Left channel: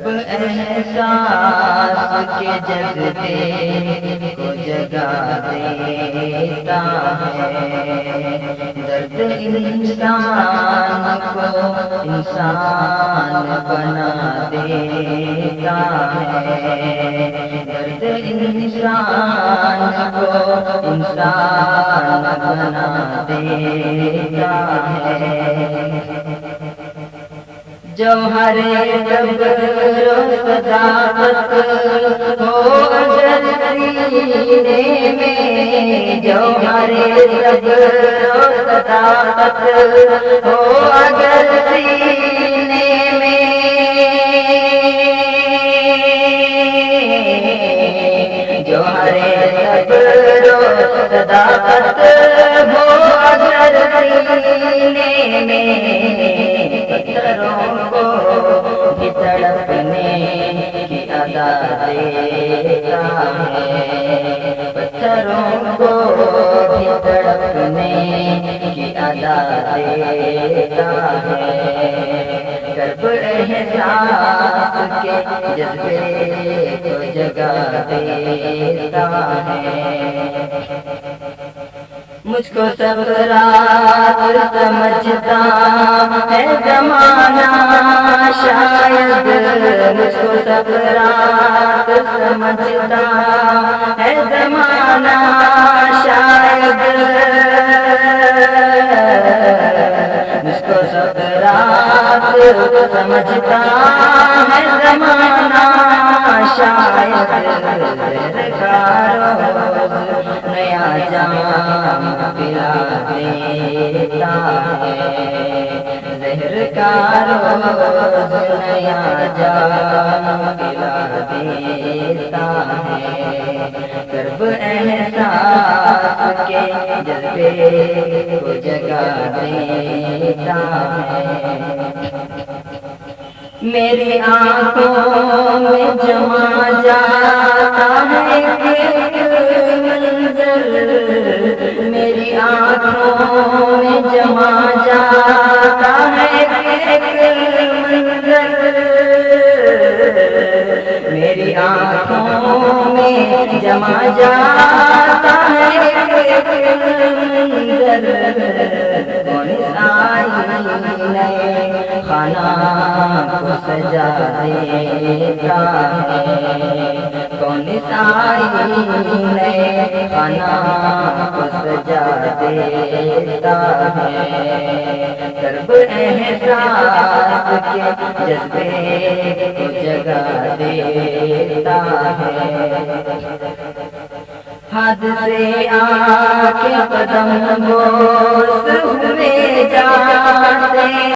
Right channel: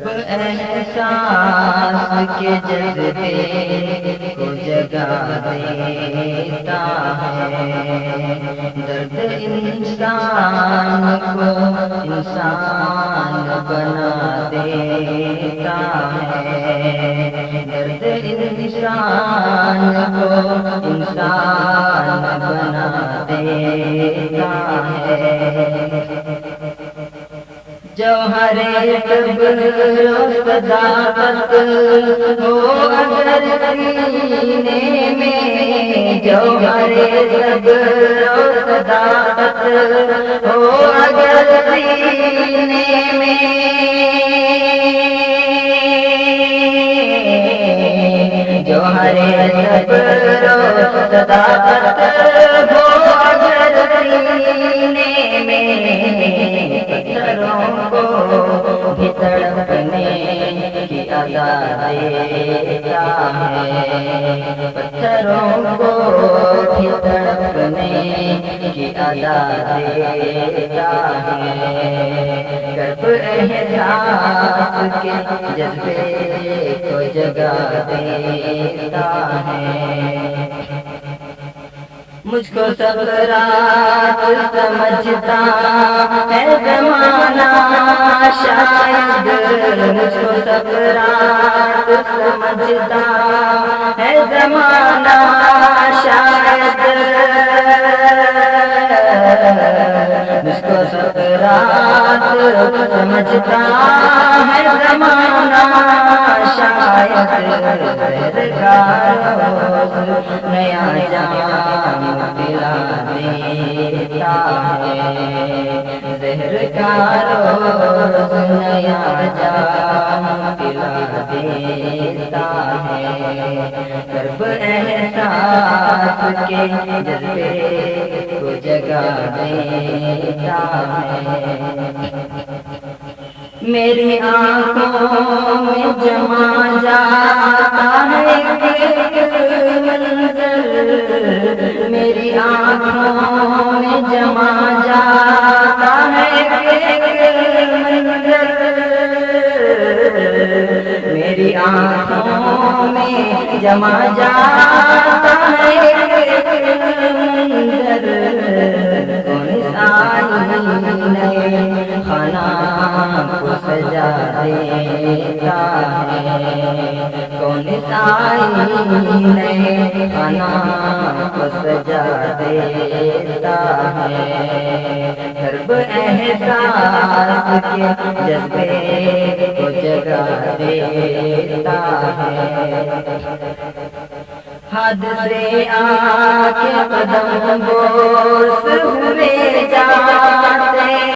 کرب احساس کے جذبے کو جگا دیتا ہے، درد انسان کو انسان بنا دیتا ہے، درد انسان کو انسان بنا دیتا ہے۔ جوہر صبر و صداقت ہو اگر سینے میں، جوہر صبر و صداقت ہو اگر سینے میں، جوہر صبر و صداقت ہو اگر سینے میں، پتھروں کو بھی تڑپنے کی ادا دیتا ہے، پتھروں کو بھی تڑپنے کی ادا دیتا ہے، کرب احساس کے جذبے کو جگا دیتا ہے۔ مجھ کو سکرات سمجھتا ہے زمانہ شاید، مجھ کو سکرات سمجھتا ہے زمانہ شاید، مجھ کو سکرات سمجھتا ہے زمانہ شاید، زہر کا روز نیا جام پلا دیتا ہے، زہر کا روز نیا جام پلا دیتا ہے، کرب احساس کے جذبے کو جگا دیتا ہے۔ میری آنکھوں میں جما جاتا ہے ایک منظر، میری آنکھوں میں جما جاتا ہے ایک منظر، میری آنکھوں میں جما جاتا ہے ایک منظر، کون آئینے خانہ کو سجا دیتا ہے، کون آئینے خانہ کو سجا دیتا ہے، کرب احساس کے جذبے کو جگا دیتا ہے۔ حد سے آ کے قدم بوس